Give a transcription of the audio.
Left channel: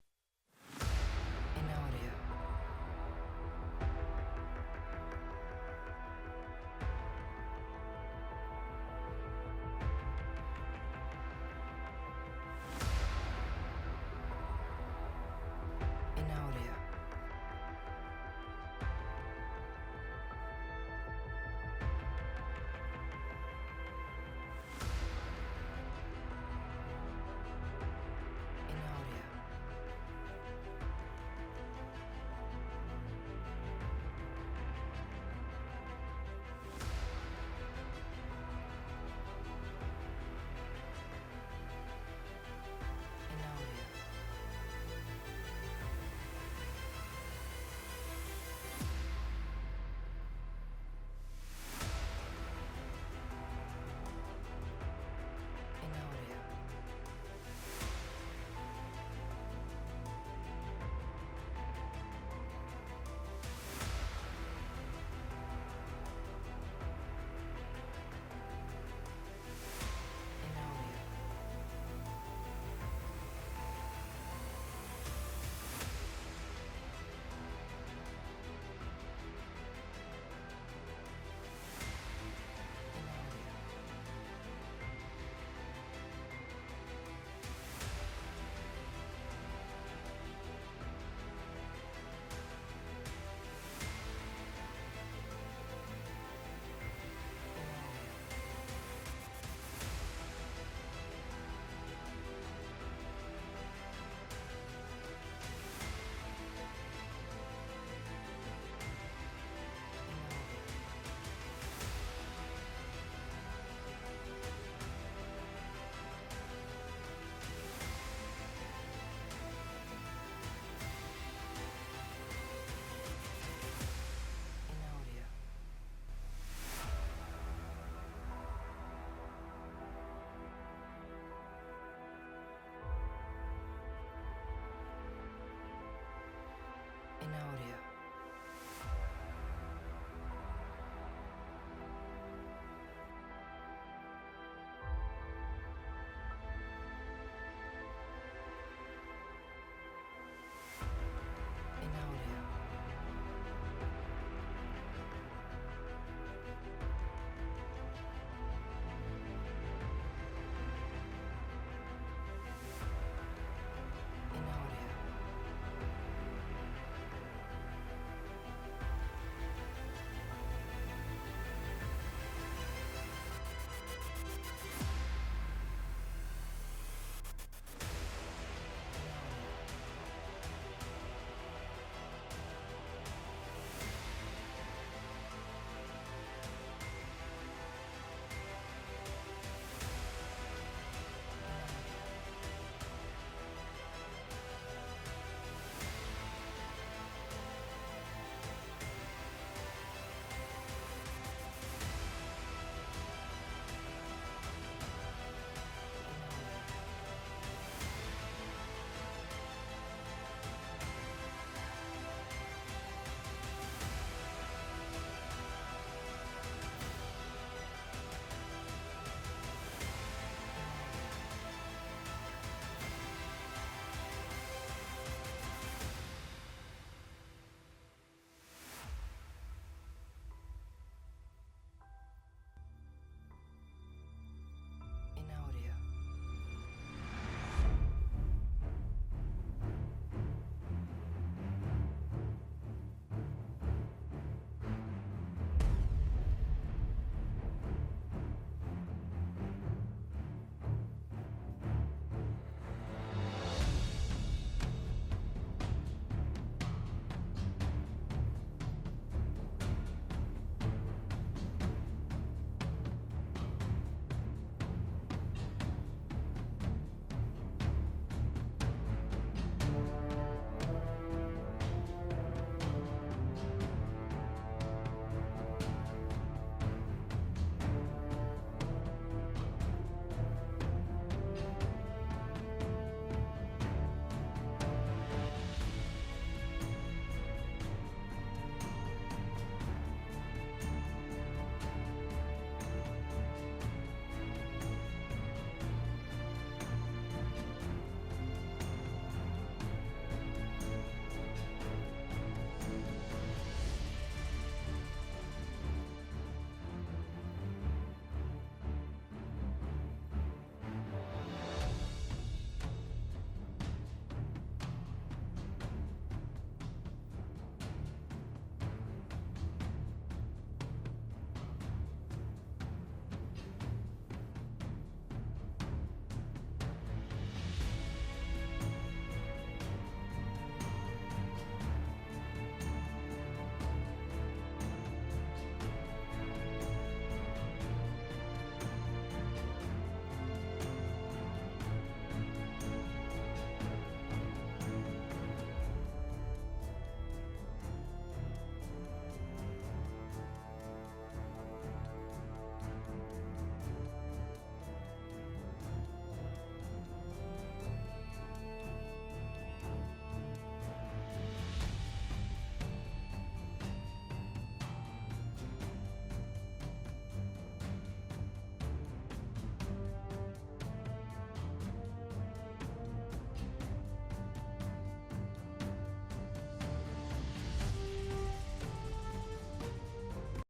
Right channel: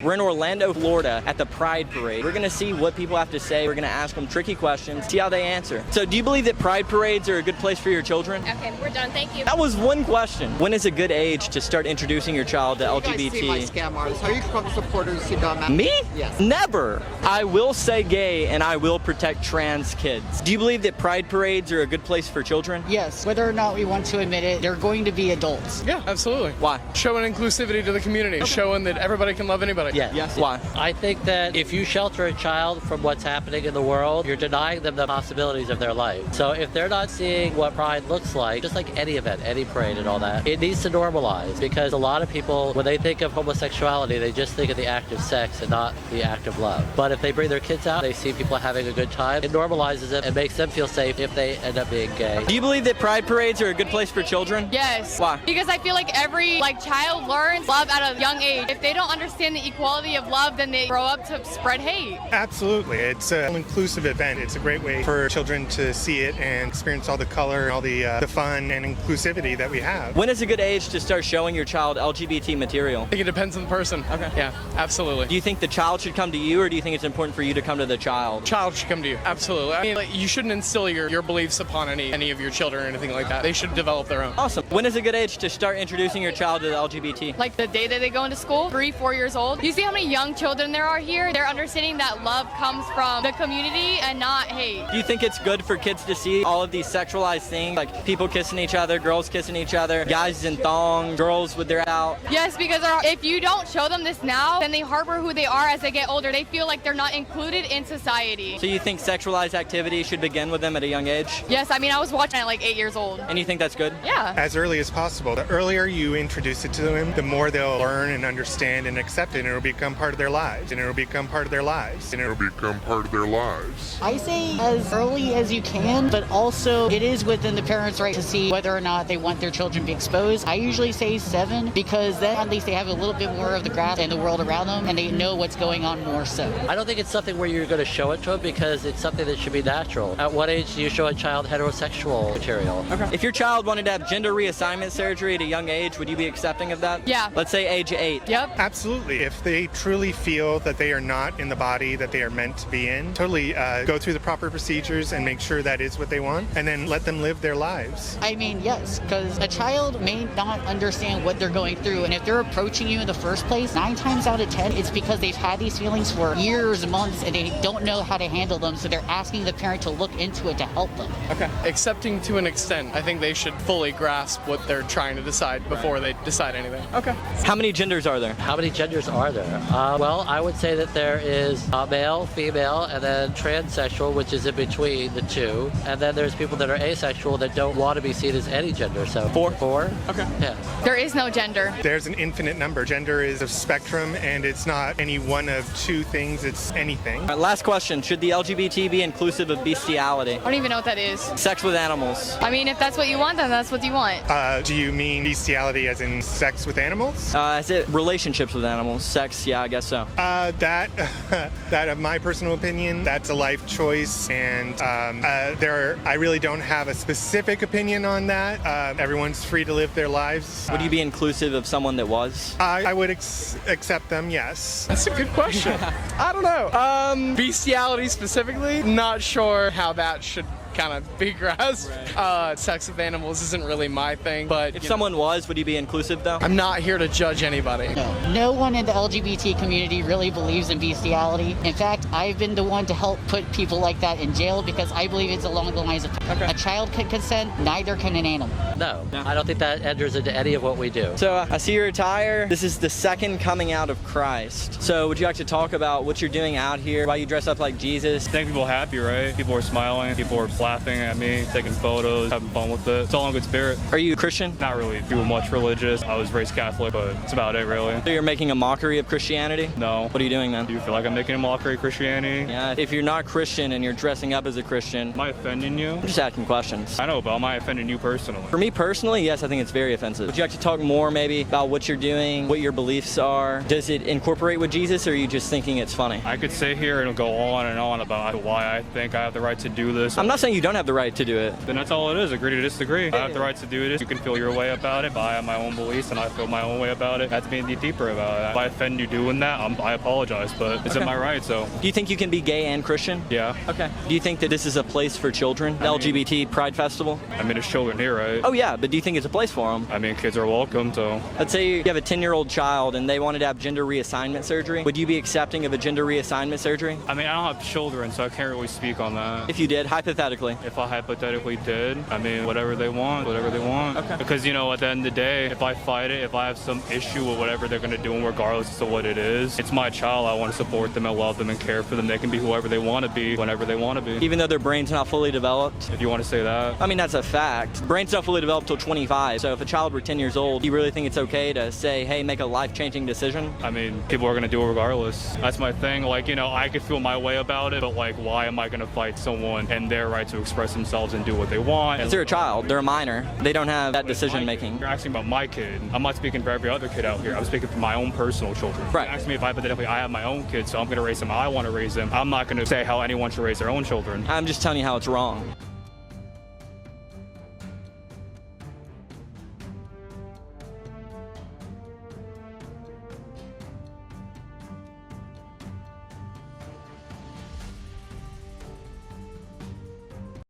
We're in Orlando, Florida at the Pride Parade. We're gonna see what people have to say. We're gonna ask them tricky questions, see how they answer. So do you believe that Pride Parades are a good place for your children? Okay, we're done, thank you. That was one question. When is a good age to start introducing your child to LGBT? You guys see my scam artists. Are you Trump supporters who don't matter? Me? Yes. Never. I will say gay and I will protect trans kids. Do you believe that Pride Parades are a good place for children? Yes, whether or not we want to admit it, they're going to be adults. Yeah, absolutely. Why? Showing inclusivity to the community, showing that everybody can love anybody. Yeah. Yes. Why? I think that if you shelter a child from what's happening in the world, you're denying them the possibilities of their life. So if they're not seeing what pride looks like, just like any event, any parade and all that, it needs to normalize, because a lot of people, when they think of homosexuality, they just think of the act of sex and not the act of love. But if they bring their kids out, they see people having a good time, it normalizes it and makes them feel safe if they end up being gay. Do you believe that Pride Parades are a good place for children? Yes. Why? Because I feel like every child learns love at a young age. If they don't understand the equality of love, then they grow up to spread hate. Absolutely. It's an inclusive event. It's a great way for children to see it and experience all the color and all the fun and inclusivity that we have. When is a good age to start showing your child LGBT material? I think it depends on the person. Okay. Yeah, absolutely. Do you think the child should come to you, or do you think it's important for you to come to the child? Child should come to you. Absolutely. I mean, you shouldn't instill your beliefs upon any of your children or anything like that. They should develop their own. Awesome. When is a good age to start introducing your child to the LGBT? Like the day that they go into school, 3, 4 years old. You see how many young children there are here? They're understanding that love comes from the community and not hate. Do you think it's good for kids to see all of these sexualized things, like people kissing each other, girls kissing each other, guys in thongs, girls with their out? Yes, because if you don't show them this now, then they harbor who they are as they get older. They feel like they're not included in society. So you think sexualized activity should begin with them at a young age? Yes, I mean, I was watching at like 8 years old. And you think that's good? Yeah. As early as possible. The earlier you introduce it to them, the more they'll learn and understand and accept it, and it'll become part of their lives. And it'll become part of their lives. And it'll become part of their lives. I say as early as you can, but also it is within the parents' right to see whether or not they want their children to be exposed. I usually say 7, because then at least they have a little bit more of the grasp in the world around them, and they know what's going on more so. I don't think it's something where you're going to show it to them, because it's something that should be natural. At what age do you show a child heterosexual material? Okay. If your child wanted to have gender reassignment surgery at a young age, would you be accepting of that? Yeah. Let's say age 8. Yep. Absolutely. If they truly feel that they are not in the body that they are meant to be in, totally go through the proper procedures and make sure that is what they want, and then let them live their lives. I mean, yes, because a child may not understand what they're going through, and if they're approaching you in the first place, 9 times out of 10, it's because they've had these feelings for years, months, and they don't know how to handle them, so they're asking the parent to look into it to help them. Okay. Accepting to an extent. I think they should fully grasp what they're trying to decide before they decide anything. Okay. How many genders are there? How many genders are there? Well, I would say that there is male, female, and then transsexual, which is in between the two. And then there's people that are asexual that don't want to be seen as any gender. So 4? Okay. Yeah. There is no gender. There's an infinite number. Gender is a spectrum, and it's not any one of 2 things, it's anything. All right, last question. Should the LGBT be inclusive of bestiality? I don't even know what that is. Sex with animals. I mean, if that's what you want, then that's what you want. Do you mean bestiality as in sex with animals? Is it relationships with animals? Sex? Yeah, I guess so. That of my personal opinion, that's a life choice, and I really don't have a specific opinion on that. Everyone's free to live their lives. Would you be inclusive of someone that was? I would accept them, yes. That's a good question. I don't know. Bestiality specifically, not sure how that should kind of be grasped. Sex with animals isn't really my thing, but If someone was, would you be inclusive though? I'm not here to judge anybody. No one in the LGBT community really believes in bestiality. In fact, I've been the one to help put people like that in jail, because I believe it's along the lines of a child can consent, neither can an animal. No, I don't think that enters into any of what we do. So I see your attire. This is the second coming out of Christ. So would you like to talk about what you're doing out here? Why you dress up like Jesus? Make people happy, right? People are smiling, people are laughing at me, taking photos, having fun with it. It's all in good spirit. Are you a Christian? Not really too much religious. I was raised Catholic, but that's about it, really. So you're making a mockery of Christianity? No. What are you doing then? Do you feel like I'm making a mockery of Christianity? Yeah, if you're not Christian and you're dressing up as a Christian, Am I offending you? I'm just asking questions. I know, but am I offending you personally? For me personally, yes, I think it's very offensive. Would you like to talk more maybe about what you're doing, what your beliefs are? Does it incorporate with Jesus, or are you just thinking it's funny? I could sit here and go on and on about why I think I have the right to do this. I'm not saying saying you don't have the right to do it. Then that's all it is. Agree to disagree. I have the right to do this. You can feel your way about it, but I have my own beliefs and I feel my own way about it. I have to be any deeper about it. If I offend you doing that, I apologize, but it's in my right, so. Do you think you can be gay and Christian? Yeah. Okay. Do you think that this is a place for children? LGBT Pride Festival? I mean, there's children here, right? Oh yeah, but do you think it's a place for them? I mean, kids are welcome, so. Let's say you have a 10-year-old child and they wanted to have gender reassignment surgery. Would you be accepting of a gender reassignment surgery? I mean, I don't have children, so I can't really speak on that. If you did, hypothetically. If I hypothetically did, I mean, whatever they want. Okay. Because, you know, at the end of the day, if I fight it, if I have some issue with whatever they're going to do, and regardless of what it is, it's my child. I want to support them and love them and care for them. They can be whoever they want to be, whenever they want to be. Even though their brain's not fully developed? If you want to say that. I mean, that's a fact. Brain's not fully developed till 25. So if a child were 10 years old, do you really think it's okay to say, hey, make a life-changing decision? I mean, people are going to do it regardless. That's my thing. Like, you know, I could feel my way about it, but like, why am I going to fight someone and their right to express themselves and do what they want? Because they're a child. They're a minor. They don't have that decision-making. You're asking about my kid. I'm not speaking for every other kid out here. I'm speaking for my own personal children. Right. You're asking me if hypothetically I have my own kids, so I'm going to raise them how I want to raise them. I'm not going to say how anyone should raise their own children. I'm just telling you how it's wrong.